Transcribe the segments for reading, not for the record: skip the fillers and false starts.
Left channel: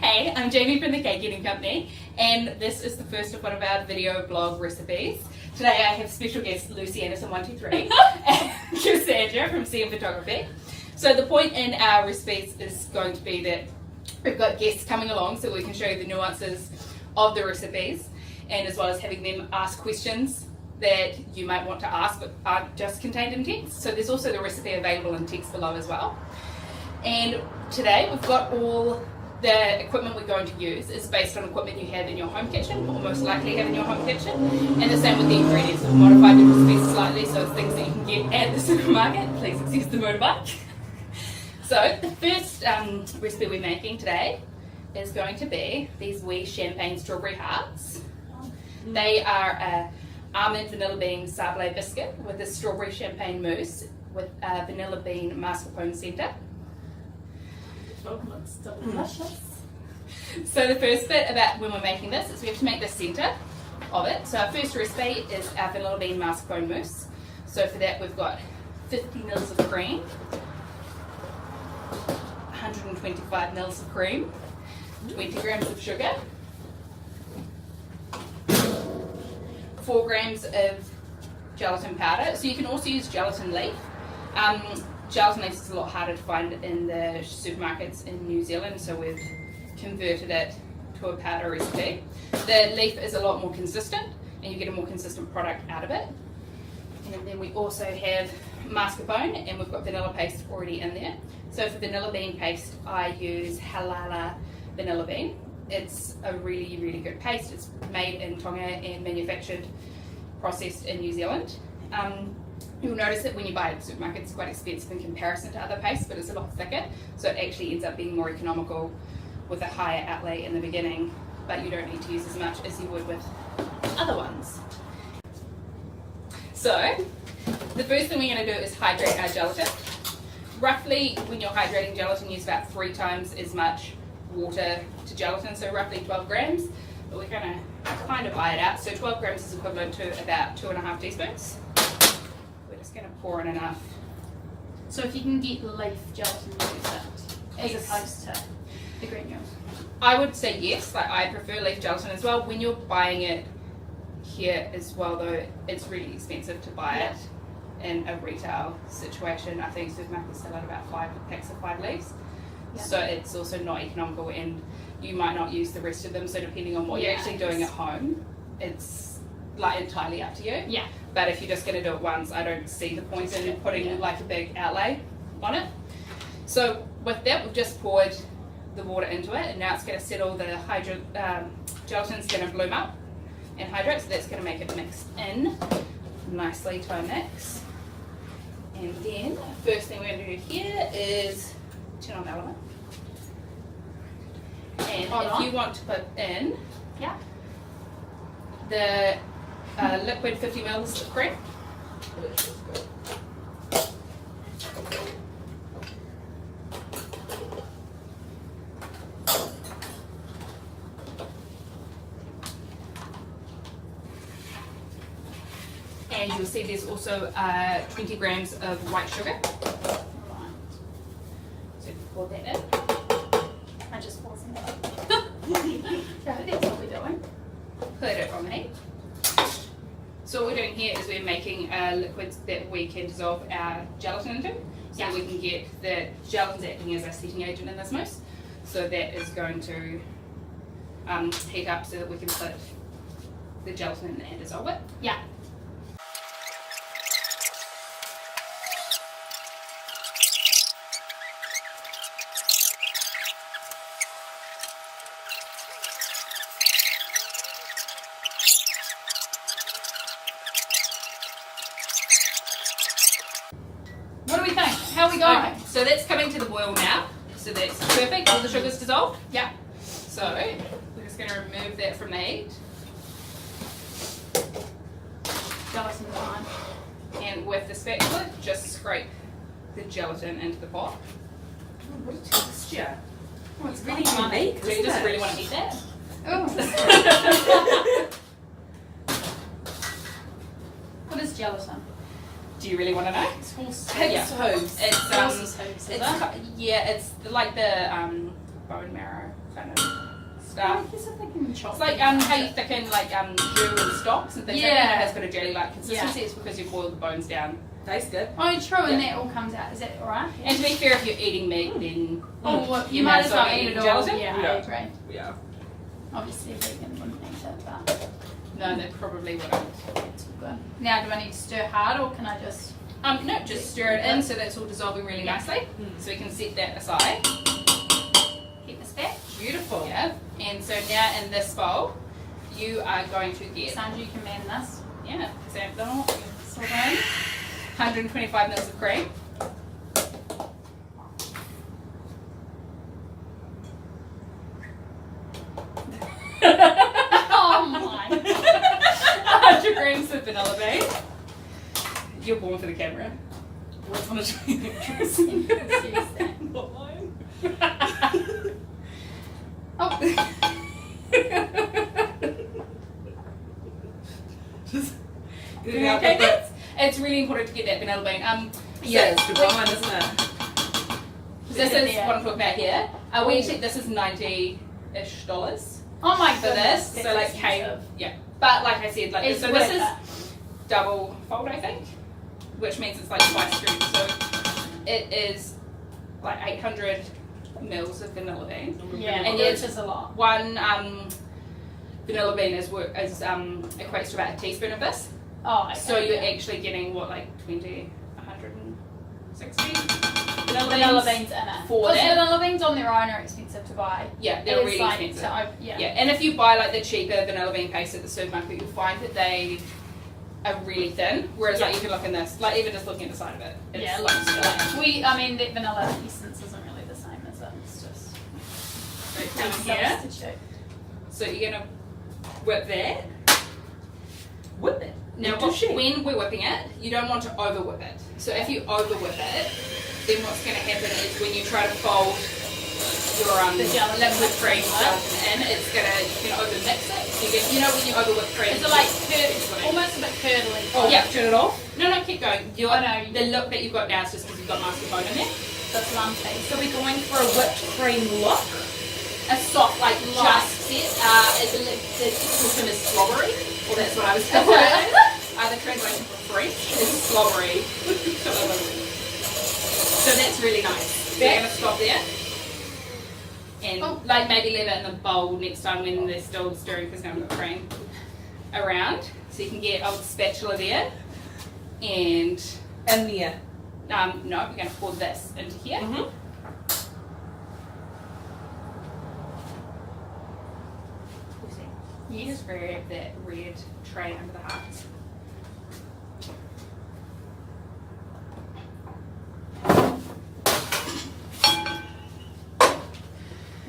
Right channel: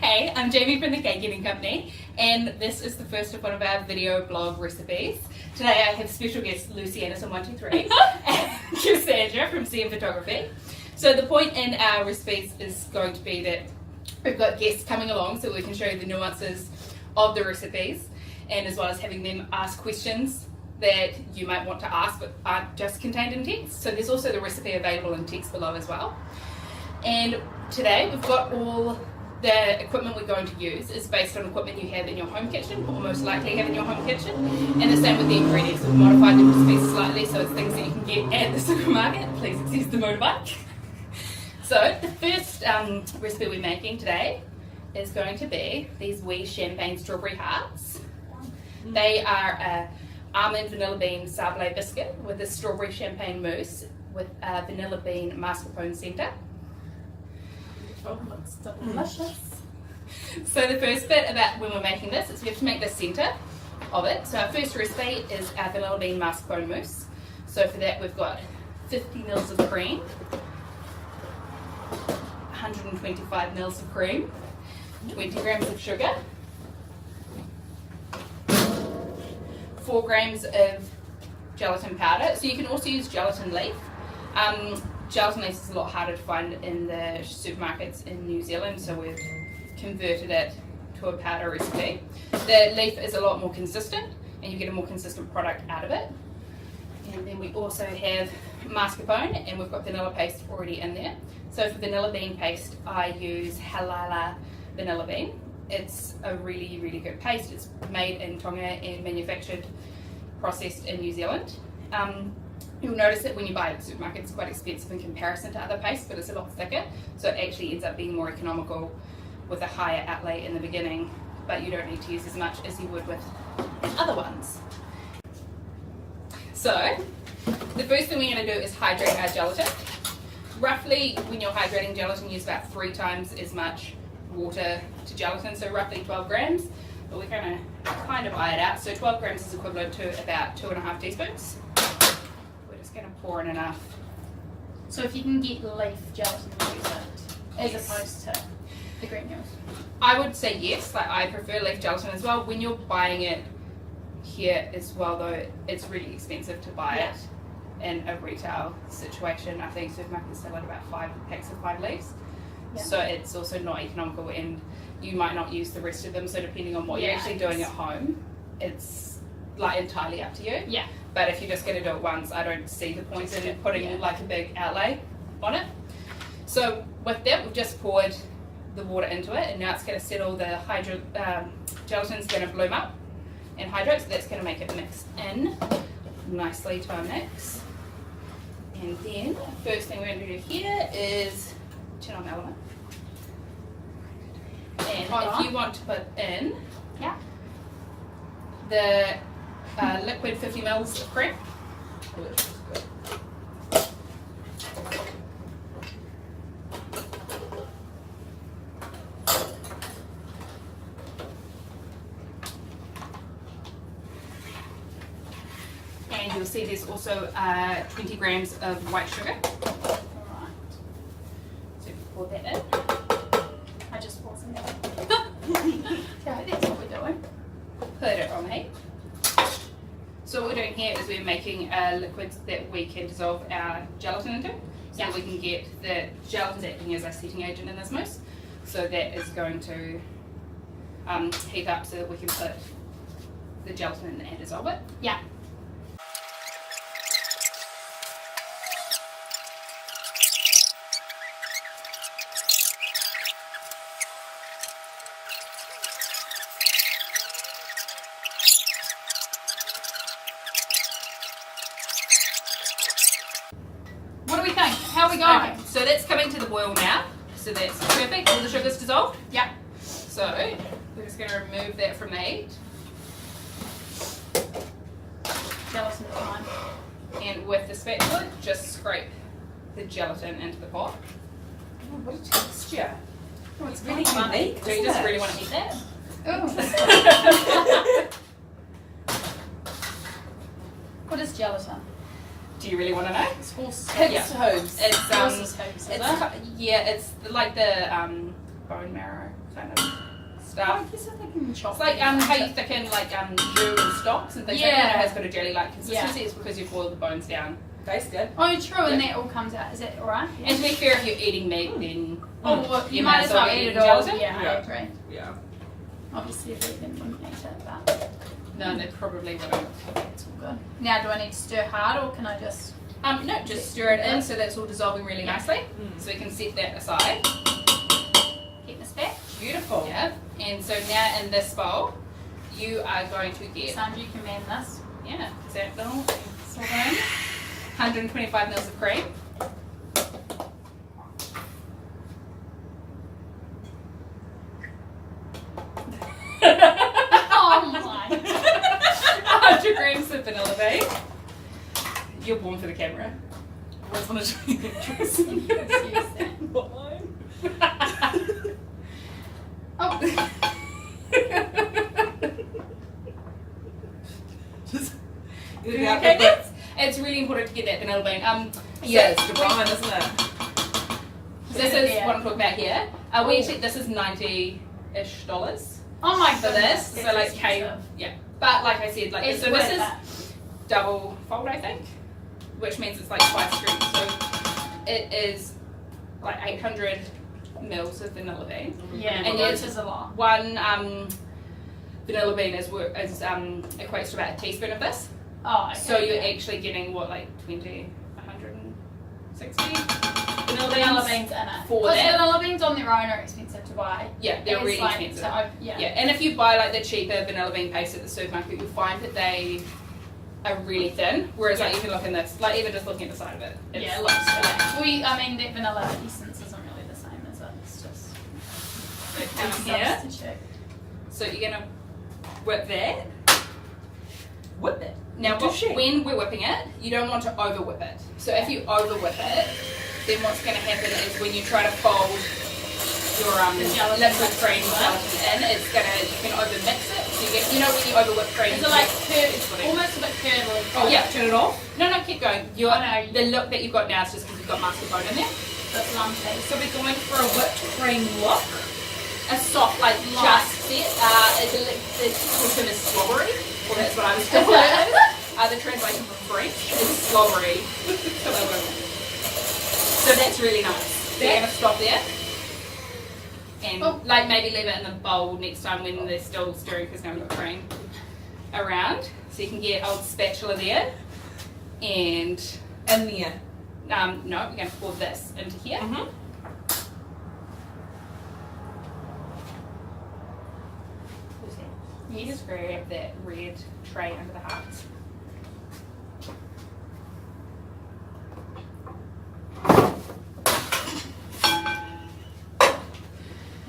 Hey, I'm Jamie from the Cake Eating Company, and this is the first of one of our video blog recipes. Today I have special guests Lucy Anderson123 and Cassandra from CM Photography. So the point in our recipes is going to be that we've got guests coming along so we can show you the nuances of the recipes, and as well as having them ask questions that you might want to ask but aren't just contained in text. So there's also the recipe available in text below as well. And today we've got all the equipment we're going to use is based on equipment you have in your home kitchen, or most likely have in your home kitchen. And the same with the ingredients. We've modified the recipes slightly so it's things that you can get at the supermarket. Please excuse the motorbike. So the first recipe we're making today is going to be these wee champagne strawberry hearts. They are a almond vanilla bean sablé biscuit with a strawberry champagne mousse with a vanilla bean mascarpone centre. Looks delicious. So the first bit about when we're making this is we have to make the centre of it. So our first recipe is our vanilla bean mascarpone mousse. So for that we've got 50 mils of cream, 125 mils of cream, 20 grams of sugar, 4 grams of gelatin powder. So you can also use gelatin leaf. Gelatin leaf is a lot harder to find in the supermarkets in New Zealand, so we've converted it to a powder recipe. The leaf is a lot more consistent and you get a more consistent product out of it. And then we also have mascarpone, and we've got vanilla paste already in there. So for vanilla bean paste I use Halala vanilla bean. It's a really, really good paste. It's made in Tonga and manufactured, processed in New Zealand. You'll notice that when you buy it at the supermarket it's quite expensive in comparison to other pastes, but it's a lot thicker, so it actually ends up being more economical with a higher outlay in the beginning, but you don't need to use as much as you would with other ones. So the first thing we're going to do is hydrate our gelatin. Roughly, when you're hydrating gelatin, use about 3 times as much water to gelatin, so roughly 12 grams, but we're going to kind of eye it out. So 12 grams is equivalent to about 2.5 teaspoons. We're just going to pour in enough. So if you can get leaf gelatin, you use it as Yes. opposed to the granules. I would say yes, like I prefer leaf gelatin as well. When you're buying it here as well though, it's really expensive to buy it in a retail situation. I think supermarkets sell out about 5 packs of 5 leaves. Yeah. So it's also not economical, and you might not use the rest of them, so depending on what you're actually doing at home, it's like entirely up to you. Yeah. But if you're just going to do it once, I don't see the point in putting like a big outlay on it. So with that, we've just poured the water into it, and now it's going to settle. The gelatin's going to bloom up and hydrate, so that's going to make it mix in nicely to our mix. And then first thing we're going to do here is turn on the element. And if you want to put in the liquid 50 mils of cream. And you'll see there's also 20 grams of white sugar. Right. So if you pour that in. I just wasn't. So that's what we're doing. Put it on the heat. So what we're doing here is we're making a liquid that we can dissolve our gelatin into. So we can get the gelatin's acting as a setting agent in this mousse. So that is going to heat up so that we can put the gelatin in and dissolve it. Yeah. What do we think? How are we going? Okay, so that's coming to the boil now. So that's perfect. All the sugar's dissolved. Yeah. So we're just going to remove that from the heat. Gelatin fine. And with the spatula, just scrape the gelatin into the pot. Oh, what a texture. Oh, it's really unique, So you isn't just it? really want to eat that? What is gelatin? Do you really want to know? It's horse. Pig's hooves. It's Horse's hooves, is it's it? yeah, it's like the bone marrow kind of stuff. I guess if they can chop It's like how you thicken like jus and stocks and things like that. It has a bit of jelly-like consistency. It's because you boil the bones down. Tastes good. Oh, true, and that all comes out. Is that alright? And to be fair, if you're eating meat, then Oh, well, you You might might as well as well eat eat it all. gelatin. Yeah, I Yeah. agree. Yeah. Obviously, a vegan wouldn't eat it, but no, they probably wouldn't. it's all good. Now, do I need to stir hard, or can I just... No, just stir it in so that's all dissolving really nicely. So we can set that aside. Keep this back? Beautiful. Yeah. And so now in this bowl, you are going to get Sandra, you can man this. example, 125 mils of cream. Oh my. 100 grams of vanilla bean. You're born for the camera. I just want to show you the dress. Seriously. Not mine. Oh, Just get it Okay, out the bit. it's really important to get that vanilla bean. Yeah, it's divine, isn't it? This is Yeah. what I'm talking about here. We actually, this is $90-ish oh my for goodness. this. So That's like, expensive. but like I said, like It's so worth this is it. double fold, I think, which means it's like twice strength. So it is like 800 mils of vanilla bean. Yeah, And which yes, is a lot. One vanilla bean equates to about a teaspoon of this. Oh, okay. So you're actually getting what, like 160 vanilla vanilla beans? beans in it. For Because that. vanilla beans on their own are expensive to buy. Yeah, they're It's really like expensive. yeah. Yeah, and if you buy like the cheaper vanilla bean paste at the supermarket, you'll find that they are really thin. Whereas like you can look in this, like even just looking at the side of it, it's Yeah, like looks flat. I mean, that vanilla essence isn't really the same, is it? It's just so come in here. substitute. So you're gonna whip that. Whip it. Now, when we're whipping it, you don't want to over whip it. So if you over whip it, then what's going to happen is when you try to fold your The gelatin liquid mix cream it. gelatin in, it's gonna you can over mix it. So you get, you know when you over whip cream. Is it like it's splitting. almost a bit curdly? Oh yeah, turn it off. No, keep going. Oh, no. The look that you've got now is just because you've got mascarpone in there. That's lumpy. So we're going for a whipped cream look. A soft, like Light. just set. The technical term is slobbery. Well, that's what I was going to say. The translation from French is slobbery. So that's really nice. So you're going to stop there. And like maybe leave it in the bowl next time when they're still stirring because now we've got cream around. So you can get old spatula there. And And there. no, we're going to pour this into here. Mm-hmm. You just grab that red tray under the hearts.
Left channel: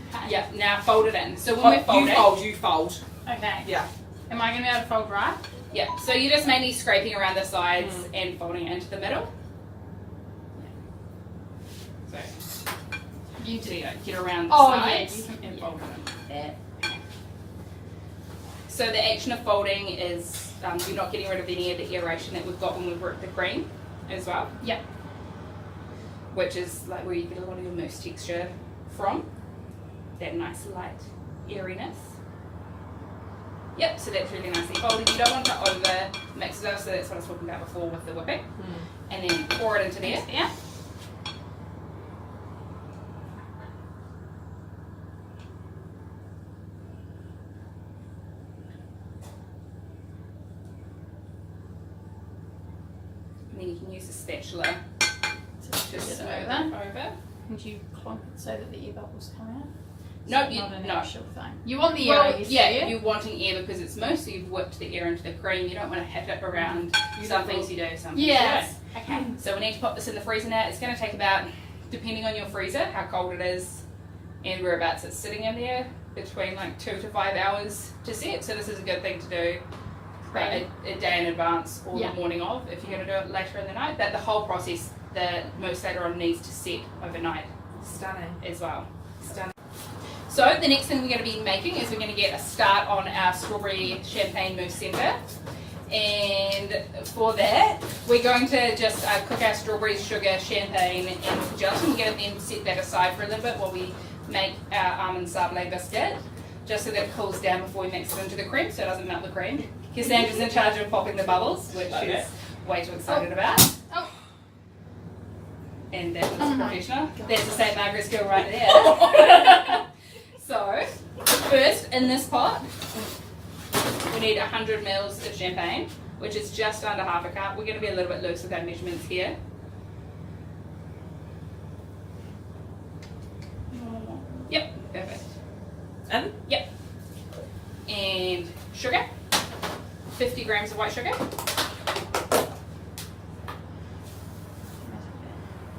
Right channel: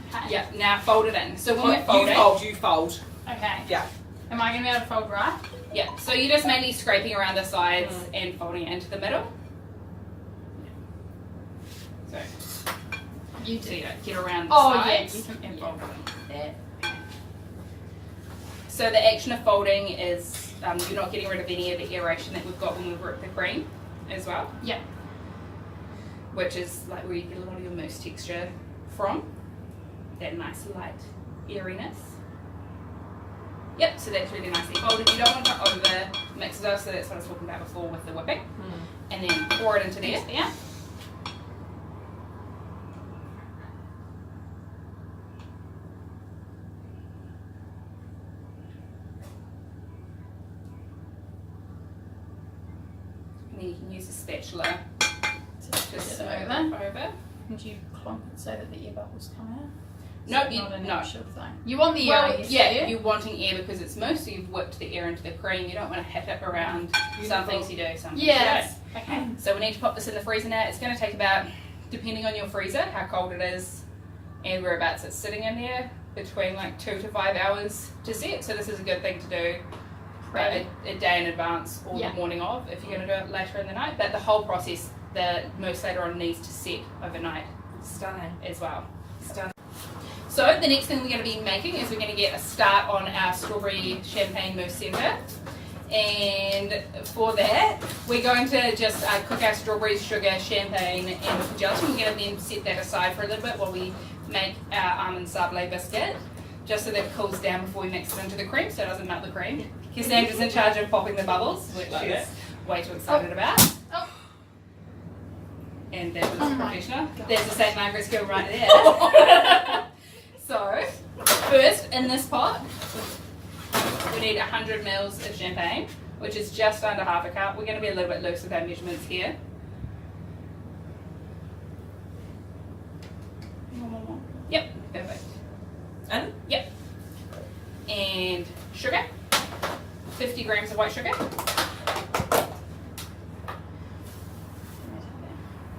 Okay. Yeah, now fold it in. So when we're folding, You fold. Okay. Yeah. Am I going to be able to fold right? yeah, so you're just mainly scraping around the sides and folding it into the middle. So, You so do. you don't get around the Oh, yeah, sides you can- and yeah. fold it in. So the action of folding is you're not getting rid of any of the aeration that we've got when we work the cream as well. Yep. Which is like where you get a lot of your mousse texture from. That nice light airiness. Yep, so that's really nicely folded. You don't want to over mix it up, so that's what I was talking about before with the whipping. And then pour it into there. Yeah. And then you can use a spatula to just Get smooth it it over. over. Would you clunk it so that the air bubbles come out? No, It's not an no. actual thing. You want the air, Well, yes, yeah, do you? you're wanting air because it's mousse, so you've whipped the air into the cream. You don't want to hit it around. Some things you do, some things Yes. you Okay. don't. So we need to pop this in the freezer now. It's going to take about, depending on your freezer, how cold it is and whereabouts it's sitting in there, between like 2 to 5 hours to set. So this is a good thing to do a day in advance or Yeah. the morning of if you're going to do it later in the night. But the whole process, the mousse later on needs to set overnight Stunning. as well. Stunning. So the next thing we're going to be making is we're going to get a start on our strawberry champagne mousse centre. And for that, we're going to just cook our strawberries, sugar, champagne, and with the gelatin. We're going to then set that aside for a little bit while we make our almond sablé biscuit, just so that it cools down before we mix it into the cream, so it doesn't melt the cream. Cassandra's in charge of popping the bubbles, which she's way too excited about. Oh. And that was Oh my professional. God. There's the St. Margaret's girl right there. So, first in this pot, we need 100 mils of champagne, which is just under half a cup. We're going to be a little bit loose with our measurements here. Yep, perfect. And Yep. And sugar, 50 grams of white sugar.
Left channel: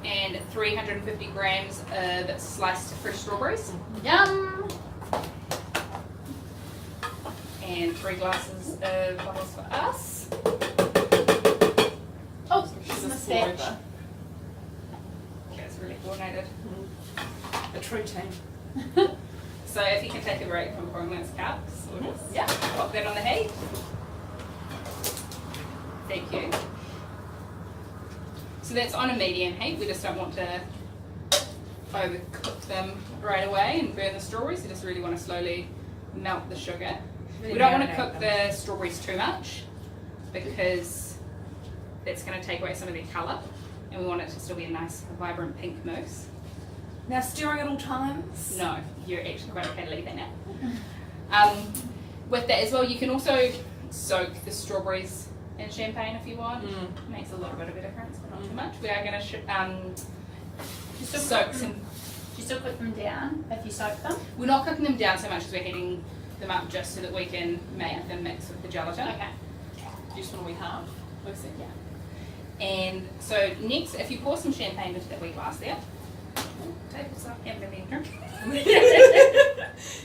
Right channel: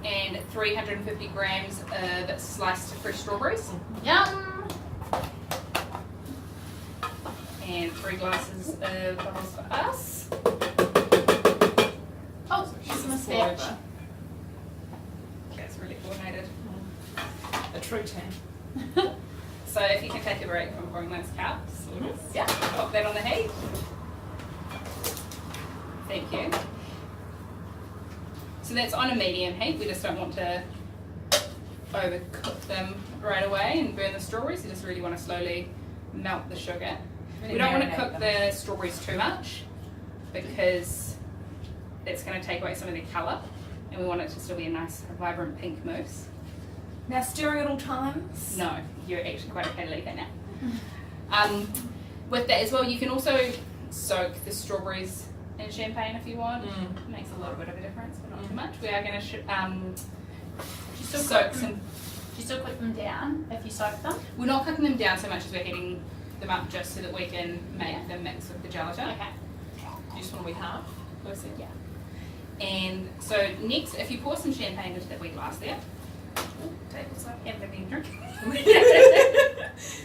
And 350 grams of sliced fresh strawberries. Yum. And 3 glasses of bubbles for us. Oh, she's she's a a mistake. saliva. That's really coordinated. A true team. So if you can take a break from pouring those cups, Yeah. pop that on the heat. Thank you. So that's on a medium heat. We just don't want to overcook them right away and burn the strawberries. We just really want to slowly melt the sugar. We don't want to cook the strawberries too much because that's going to take away some of their colour, and we want it to still be a nice, vibrant pink mousse. Now stirring at all times. No, you're actually quite okay to leave that now. With that as well, you can also soak the strawberries in champagne if you want. It makes a little bit of a difference, but not too much. We are going to soak some. Do you still cook them down if you soak them? We're not cooking them down so much as we're heating them up just so that we can make them mix with the gelatin. Okay. Just what do we have? Lucy? Yeah. And so next, if you pour some champagne into that wee glass there, take this up, have a bit of drink.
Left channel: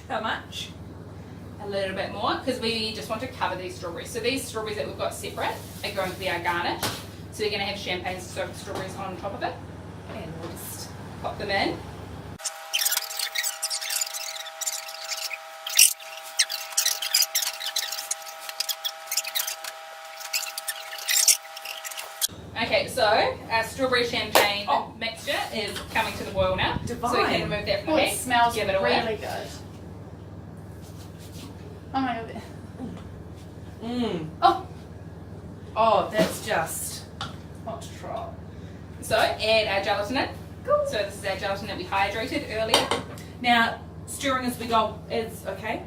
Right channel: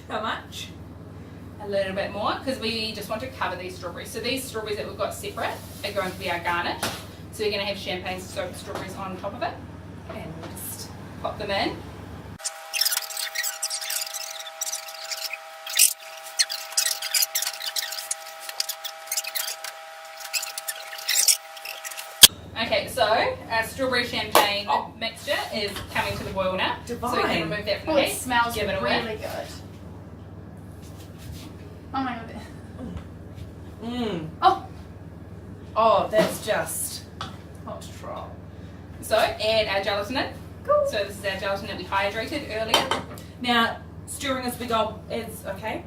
How much? A little bit more, because we just want to cover these strawberries. So these strawberries that we've got separate are going to be our garnish. So you're going to have champagne soaked strawberries on top of it, and we'll just pop them in. Okay, so our strawberry champagne mixture is coming to the boil now. Divine. So we can remove that from Oh, the it heat. smells Give it away. really good. Oh my god. Oh, Oh, that's just hot trot. So add our gelatin in. Cool. So this is our gelatin that we hydrated earlier. now stirring as we go is okay.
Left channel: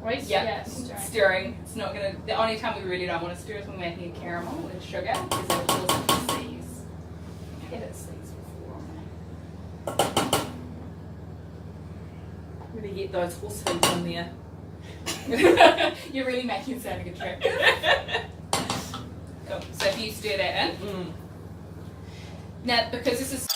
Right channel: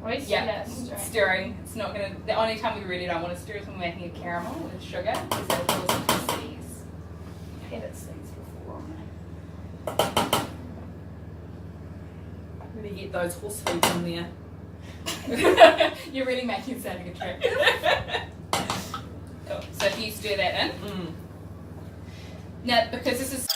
Wait, Yeah, yes. stirring. It's not gonna. The only time we really don't want to stir is when we're making a caramel with sugar, because it'll cause it to seize. Had it seize before. Really get those horse hooves in there. You're really making it sound like a trick. Cool. So if you stir that in. Now, because this is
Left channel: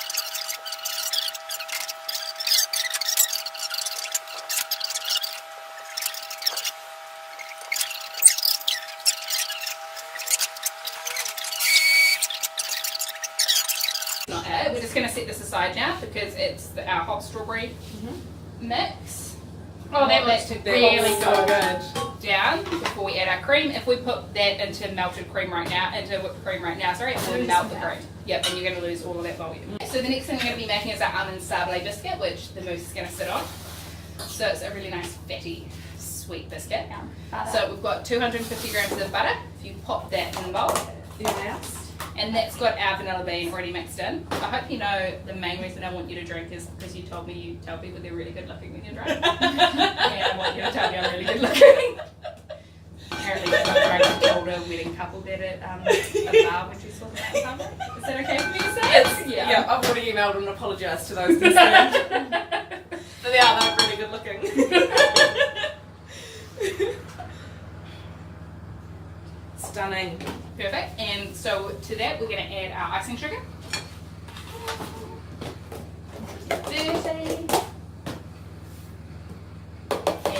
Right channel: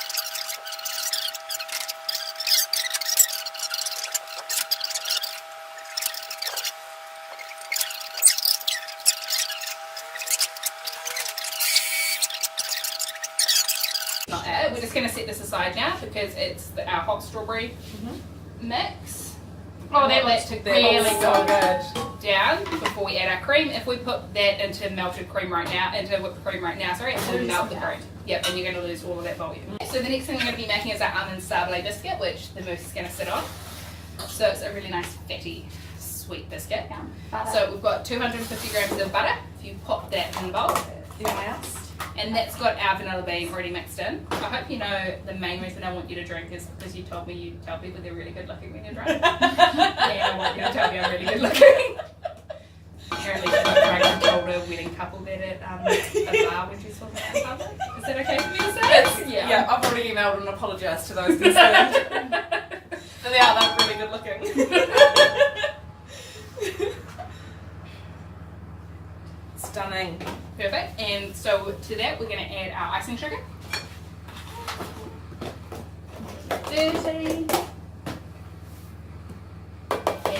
not it, we're just going to set this aside now because it's our hot strawberry mix. Oh, that We want looks to really cool good. down before we add our cream. If we put that into melted cream right now, into whipped cream right now, sorry, it will Lose melt the that. cream. Yep, and you're going to lose all of that volume. So the next thing we're going to be making is our almond sablé biscuit, which the mousse is going to sit on. So it's a really nice fatty, sweet biscuit. Butter. So we've got 250 grams of butter. If you pop that in the bowl, and that's got our vanilla bean already mixed in. I hope you know the main reason I want you to drink is because you told me you tell people they're really good looking when you're drunk. Yeah, I want you to tell me I'm really good looking. Apparently, I told a wedding couple that at a bar when she was talking about in public. Is that okay for me to say? Yes. Yeah. Yeah, I've already emailed and apologised to those concerned. So yeah, they're really good looking. Stunning. Perfect. And so to that, we're going to add our icing sugar. 30.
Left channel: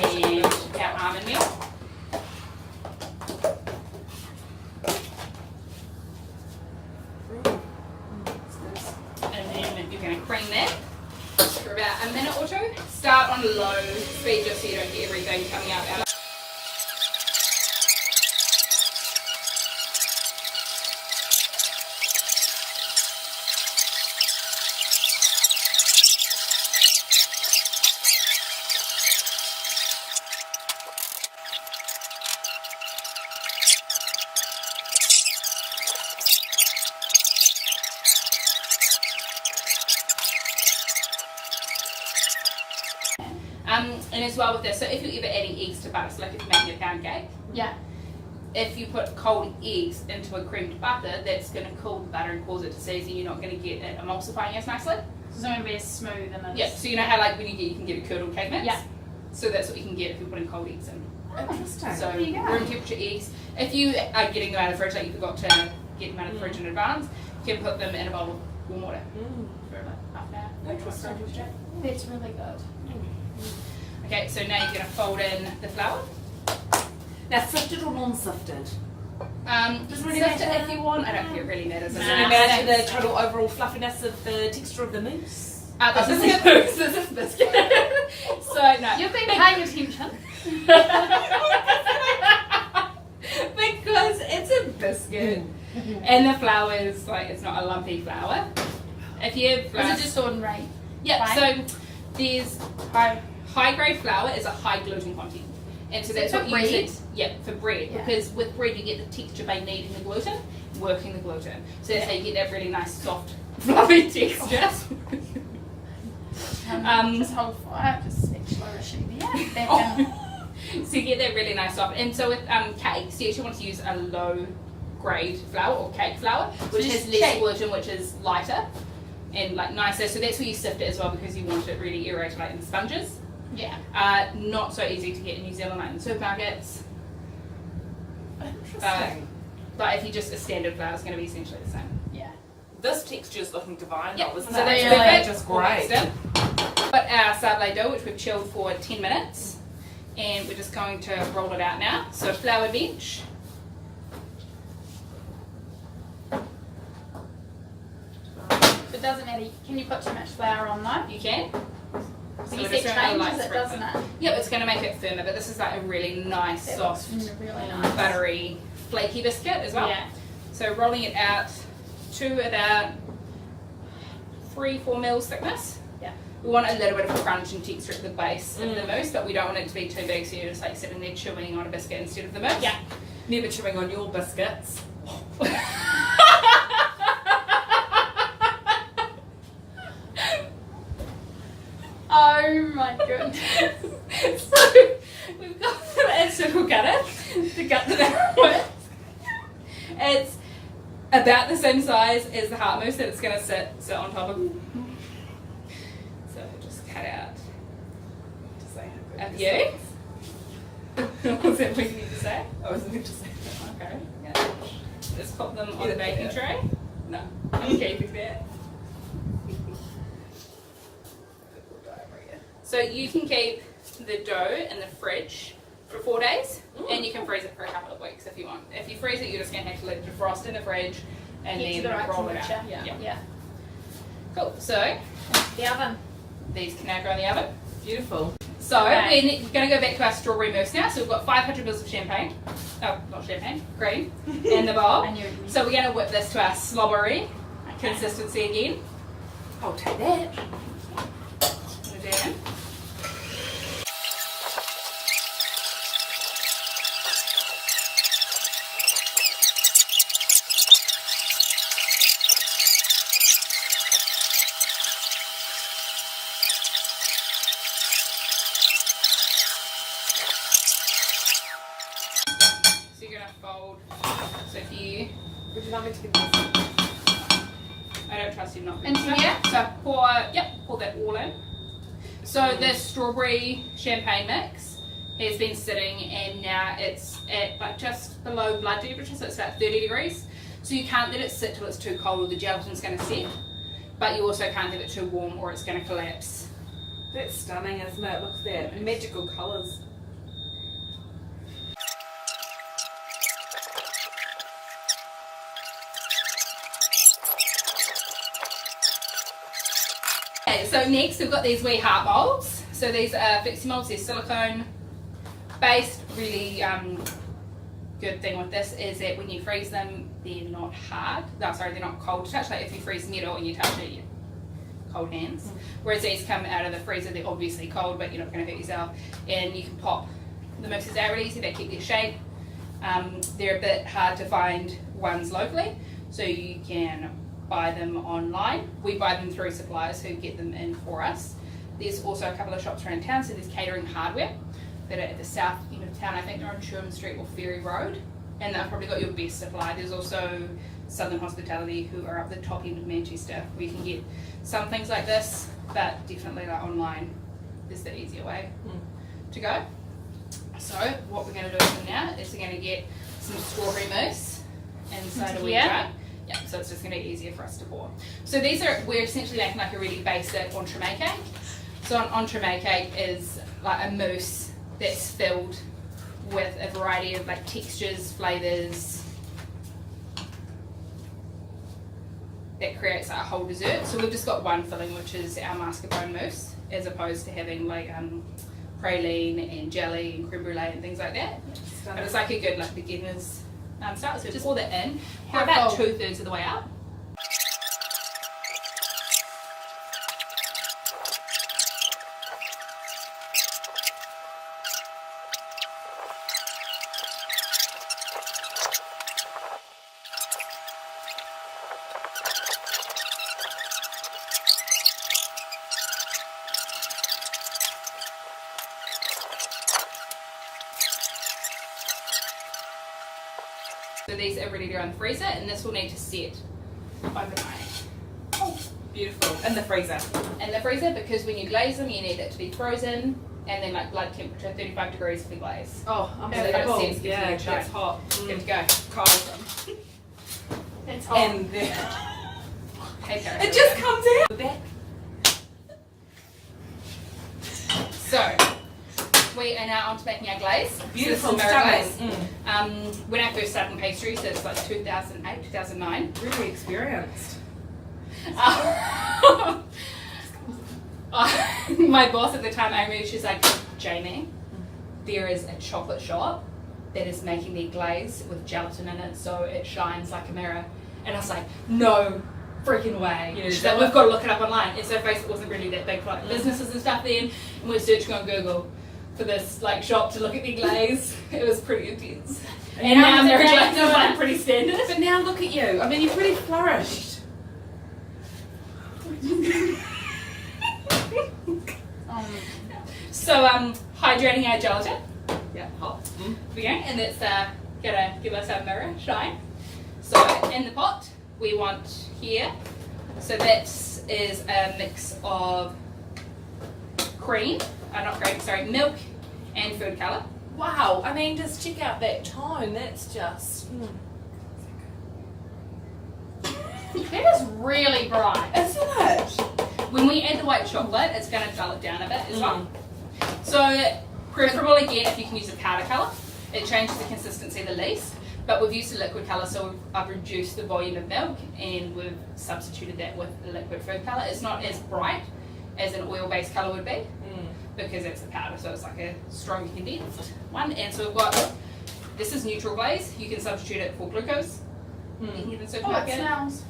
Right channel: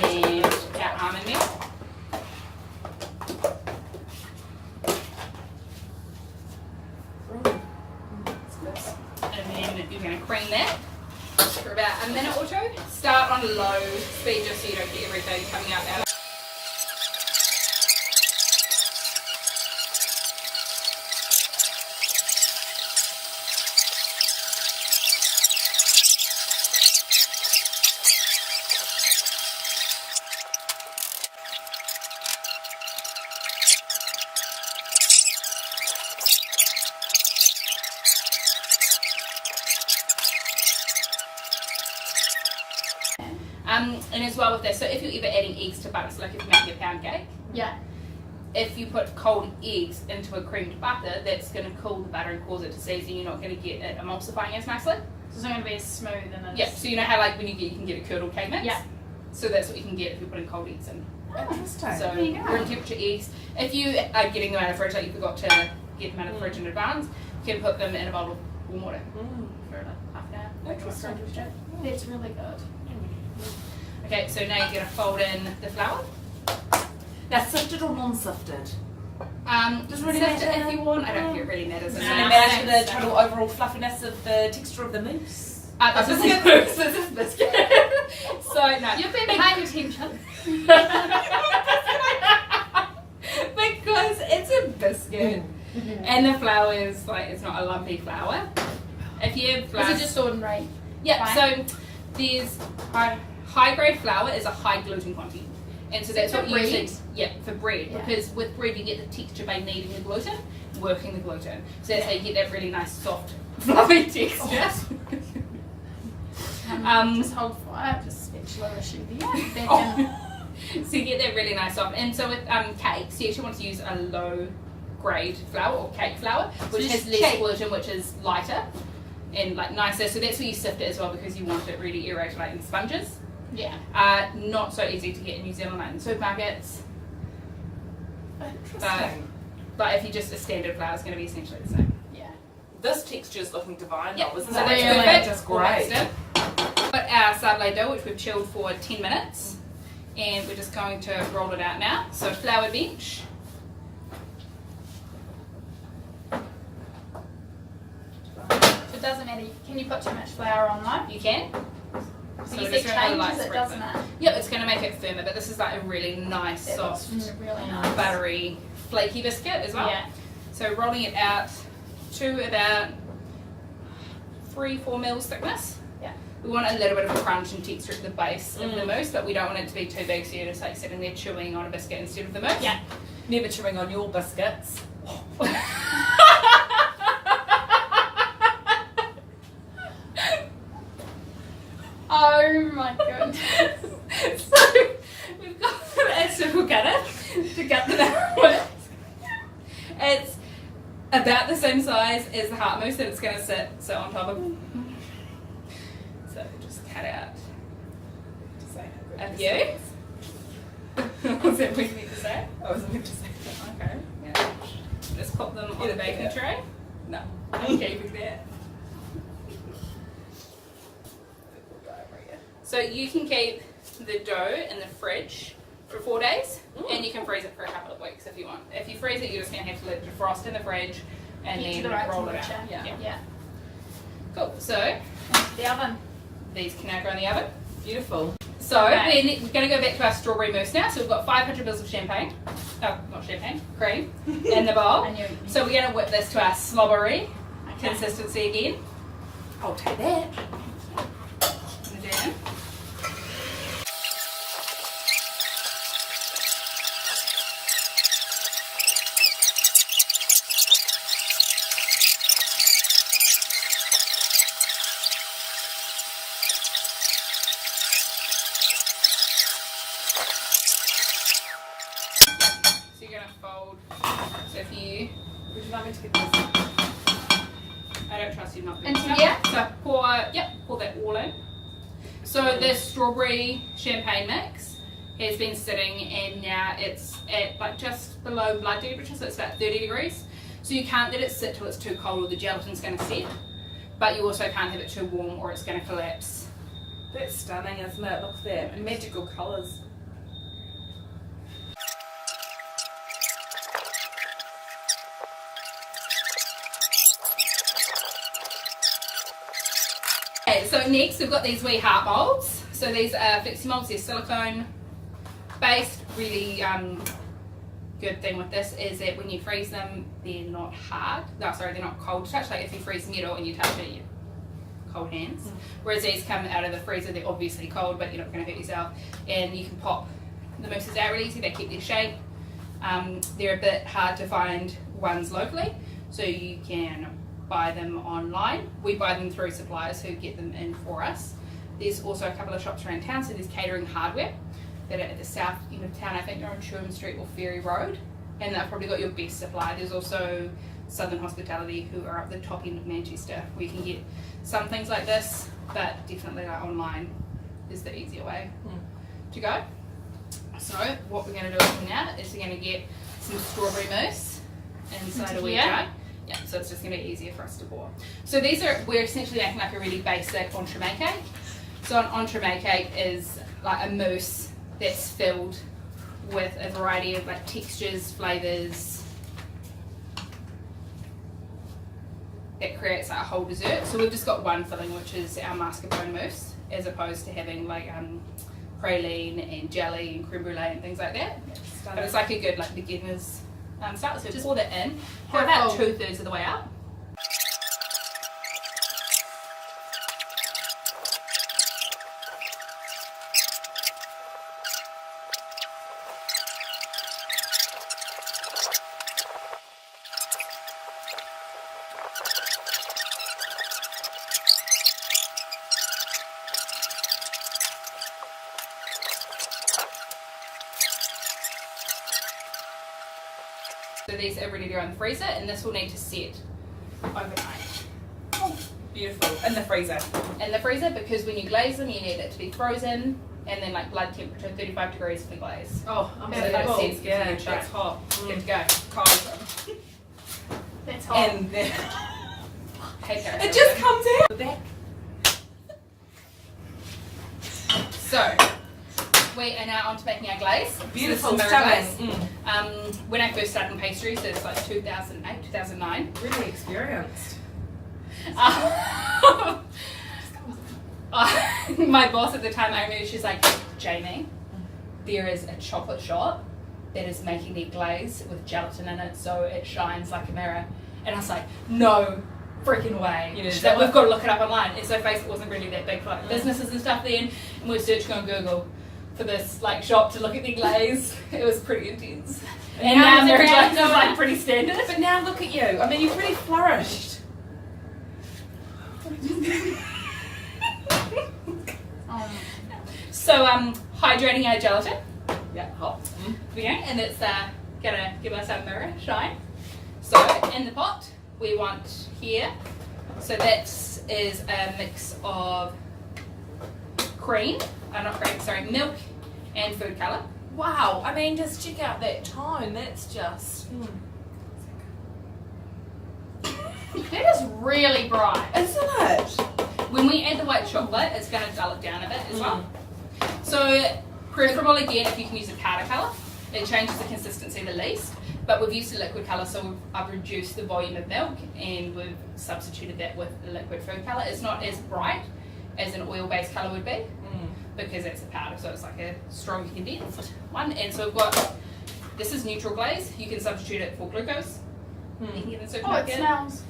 And our almond meal. And then you're going to cream that for about a minute or two. Start on low speed just so you don't get everything coming out. And as well with this, so if you're ever adding eggs to butter, so like if you're making a pound cake, Yeah. if you put cold eggs into a creamed butter, that's going to cool the butter and cause it to seize, and you're not going to get it emulsifying as nicely. So it's not going to be as smooth and as... Yeah, so you know how like when you can get a curdled cake mix? Yeah. So that's what you can get if you're putting cold eggs in. Interesting. So there you go. room temperature eggs. If you are getting them out of the fridge, like you forgot to get them out of the fridge in advance, you can put them in a bowl of warm water for about half an hour. Interesting. It's really good. Okay, so now you're going to fold in the flour. Now, sifted or non-sifted? Doesn't really sift it matter. if you want. I don't think it really matters. Does it Nah. really matter the thanks. total overall fluffiness of the texture of the mousse? This is biscuit. This is biscuit. So no, You've been paying attention. because it's a biscuit and the flour is like it's not a lumpy flour. If you have flour, Is it just ordinary? yeah. fine? So there's high grade flour is a high gluten content, and so that's For what you bread? use. Yeah, for bread, Yeah. because with bread you get the texture by kneading the gluten, working the gluten. So that's how you get that really nice soft fluffy texture. This whole fire, just spatula issue there. Back Oh. So you get that really nice soft. And so with cakes, you actually want to use a low grade flour or cake flour, which So has just less cake. gluten, which is lighter and like nicer. So that's where you sift it as well, because you want it really aerated like in sponges. Yeah. Not so easy to get in New Zealand, like in supermarkets. Interesting. But if you just a standard flour, it's going to be essentially the same. Yeah. This texture is looking divine Yep. though, isn't So it? that's Really? perfect. Just All great. mixed in. Got our sablé dough, which we've chilled for 10 minutes. And we're just going to roll it out now. So flour bench. So it doesn't matter. Can you put too much flour on though? You can. So So you we're see just gonna, like, changes it, spread doesn't them. it? Yep, it's going to make it firmer, but this is like a really nice, That soft, looks really nice. buttery, flaky biscuit as well. Yeah. So rolling it out to about 3-4 mils thickness. Yeah. We want a little bit of crunch and texture at the base of the mousse, but we don't want it to be too big, so you're just like sitting there chewing on a biscuit instead of the mousse. Yeah. Never chewing on your biscuits. Oh my goodness. So we've got a circle cutter to cut them out with. It's about the same size as the heart mousse that it's going to sit on top of. So just cut out To say how a good few. this is. Was that what you need to say? I was meant to say that. Okay. Yeah. Just pop them on the baking Yeah. tray. No, I'm keeping that. So you can keep the dough in the fridge for 4 days, and you can freeze it for a couple of weeks if you want. If you freeze it, you're just going to have to let it defrost in the fridge and Get to then the right roll it out. temperature. Yeah. Yeah. Cool. So The oven. these can now go in the oven. Beautiful. So Okay. we're going to go back to our strawberry mousse now. So we've got 500 mils of champagne. Oh, not champagne, cream in the bowl. I knew. So we're going to whip this to our slobbery consistency again. I'll take that. Put it in. So you're going to fold. So if you, Would you like me to get this? I don't trust you not to. Into here? So pour that all in. So the strawberry champagne mix has been sitting, and now it's at like just below blood temperature, so it's about 30 degrees. So you can't let it sit till it's too cold or the gelatin's going to set, but you also can't have it too warm or it's going to collapse. That's stunning, isn't it? Look at that. Magical colours. Okay, so next we've got these wee heart molds. So these are flexi molds, they're silicone based. Really good thing with this is that when you freeze them, they're not hard. No, sorry, they're not cold to touch. Like if you freeze metal and you touch it, you cold hands. Whereas these come out of the freezer, they're obviously cold, but you're not going to hurt yourself. And you can pop the mousses out really easy. They keep their shape. They're a bit hard to find ones locally, so you can buy them online. We buy them through suppliers who get them in for us. there's also a couple of shops around town. So there's Catering Hardware that are at the south end of town. I think they're on Sherman Street or Ferry Road, and they've probably got your best supply. There's also Southern Hospitality, who are up the top end of Manchester, where you can get some things like this, but definitely like online is the easier way to go. So what we're going to do now is we're going to get some strawberry mousse inside a wee jar. Yeah, so it's just going to be easier for us to pour. So we're essentially making like a really basic entremet cake. So an entremet cake is like a mousse that's filled with a variety of like textures, flavours, that creates like a whole dessert. So we've just got one filling, which is our mascarpone mousse, as opposed to having like praline and jelly and creme brulee and things like that. But it's like a good like beginner's start. So just pour that in. Pour about 2/3 of the way up. So these are ready to go in the freezer, and this will need to set overnight. Oh, beautiful. In the freezer. In the freezer, because when you glaze them, you need it to be frozen, and then like blood temperature, 35 degrees for the glaze. Oh, I'm So so that cool. sense Yeah, gives you a that's shake. hot. Good to go. Cold. That's hot. And then Hey, Karen. it just comes out. That. So we are now on to making our glaze. Beautiful, So this is Mirror stunning. glaze. When I first started in pastry, so it's like 2008, 2009. Really experienced. My boss at the time, Amy, she's like, Jamie, there is a chocolate shop that is making their glaze with gelatin in it so it shines like a mirror. And I was like, no freaking way. You She's know, like, we've got to look it up online. And so Facebook wasn't really that big for like businesses and stuff then. And we were searching on Google for this like shop to look at their glaze. It was pretty intense. And now now their it's glaze is around like pretty standard. But now look at you. I mean, you've really flourished. So hydrating our gelatin. Yeah, hot. Okay, and it's gonna give us our mirror shine. So in the pot we want here, so that is a mix of milk and food colour. Wow. I mean, just check out that tone. That's just. That is really bright. Isn't it? When we add the white chocolate, it's gonna dull it down a bit as well. So preferable again if you can use a powder colour. It changes the consistency the least. But we've used a liquid colour, so I've reduced the volume of milk and we've substituted that with a liquid food colour. It's not as bright as an oil-based colour would be because it's a powder, so it's like a stronger condensed one. And so we've got, this is neutral glaze. You can substitute it for glucose. You can get it in the Oh, it supermarket. smells.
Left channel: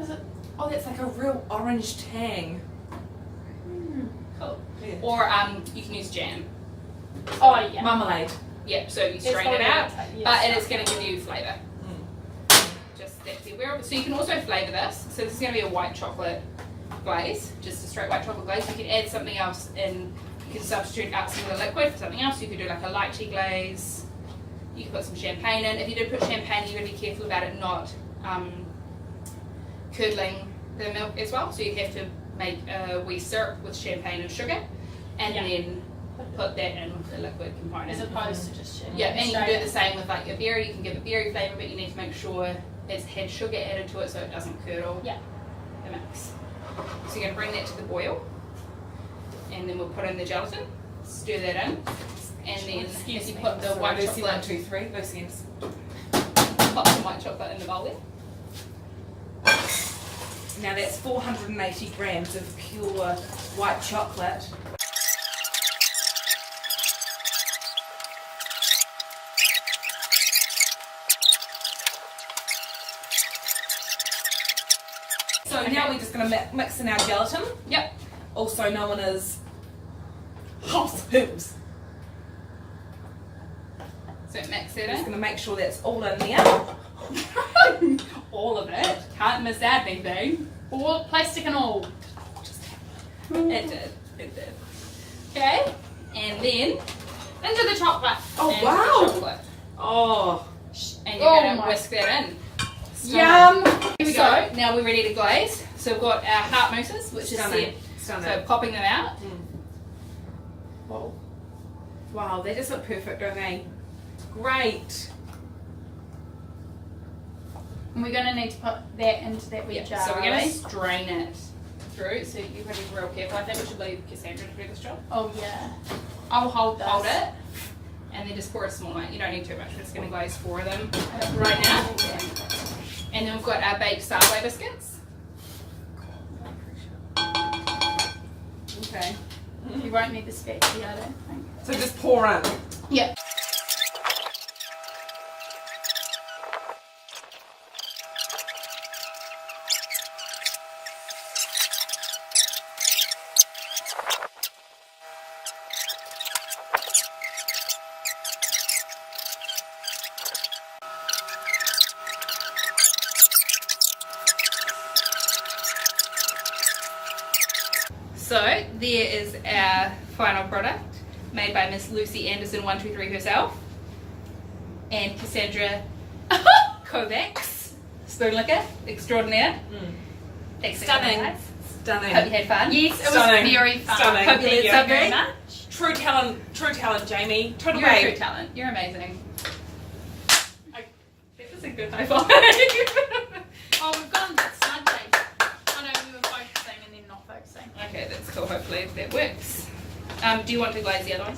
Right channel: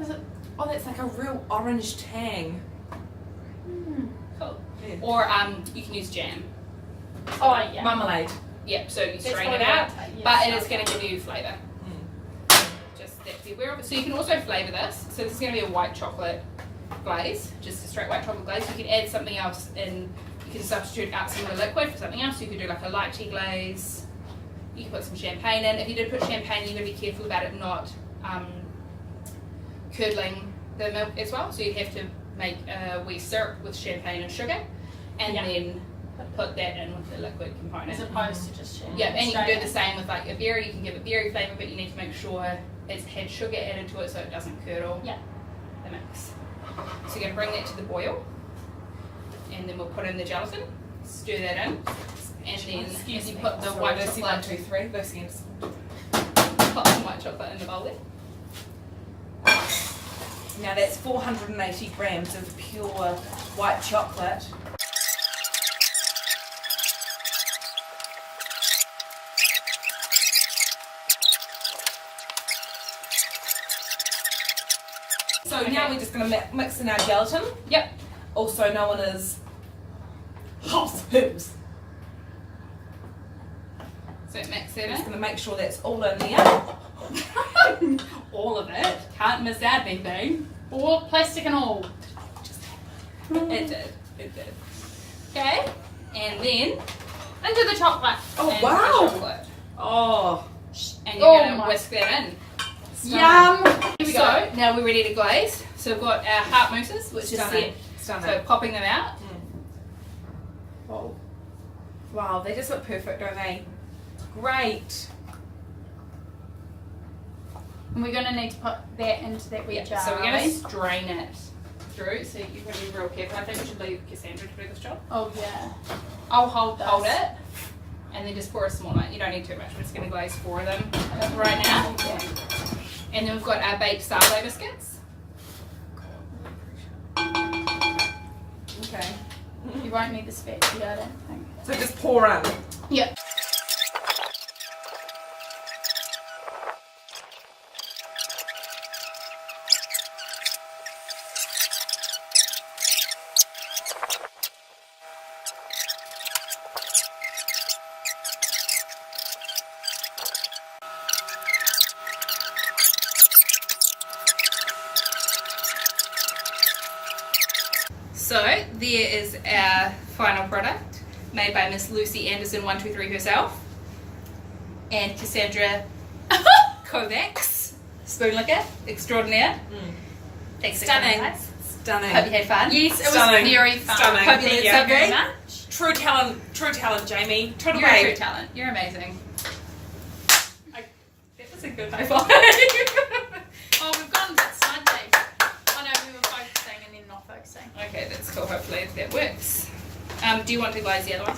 Is it? Oh, that's like a real orange tang. Cool. Yeah. Or you can use jam. Oh yeah. Marmalade. Yep, so you It's strain it probably out, gonna take- but yeah, it is going to give you flavour. Just that be aware of it. So you can also flavour this. So this is going to be a white chocolate glaze, just a straight white chocolate glaze. You can add something else in. You can substitute out some of the liquid for something else. You could do like a lychee glaze. You can put some champagne in. If you do put champagne, you're going to be careful about it not curdling the milk as well. So you have to make a wee syrup with champagne and sugar, and then put that in with the liquid component. As opposed to just Yeah, and you can do the same with like a berry. You can give it berry flavour, but you need to make sure it's had sugar added to it so it doesn't curdle Yeah. the mix. So you're going to bring that to the boil, and then we'll put in the gelatin, stir that in, and then if you put the white Lucy, chocolate, 1, 2, 3. Lucy. put some white chocolate in the bowl there. Now that's 480 grams of pure white chocolate. So now we're just going to mix in our gelatin, Yep. also known as house hoops. So mix it Just in. going to make sure that's all in there. All of it. Can't miss out anything. All plastic and all. It did. It did. Okay, and then Into the chocolate. Oh into the wow! chocolate. Oh, And you're Oh gonna my- whisk that in. Yum. Here we go. Now we're ready to glaze. So we've got our heart mousses, which is stunning, set. stunning. So popping them out. Whoa. Wow, they just look perfect, don't they? Great. And we're gonna need to put that into that wee jar. So we're gonna right? strain it through. So you're gonna be real careful. I think we should leave Cassandra to do this job. Oh yeah. I'll hold this. Hold it, and then just pour a small amount. You don't need too much. We're just gonna glaze 4 of them right now. Yeah. And then we've got our baked Sable biscuits. Okay. You won't need the spatula, I don't think. So just pour in. Yeah. So there is our final product, made by Miss Lucy Anderson 123 herself, and Cassandra Kovacs, spoon liquor extraordinaire. Thanks for coming, Stunning. guys. Stunning. Hope you had fun. Yes, it was Stunning. very fun. Stunning. Hope you Thank learned you. something. Very much. True talent, Jamie. Total You're a true babe. talent. You're amazing. That was a good high five. Oh, we've gone a bit smudgy. Oh no, we were focusing and then not focusing. Okay, that's cool. Hopefully that works. Do you want to glaze the other one?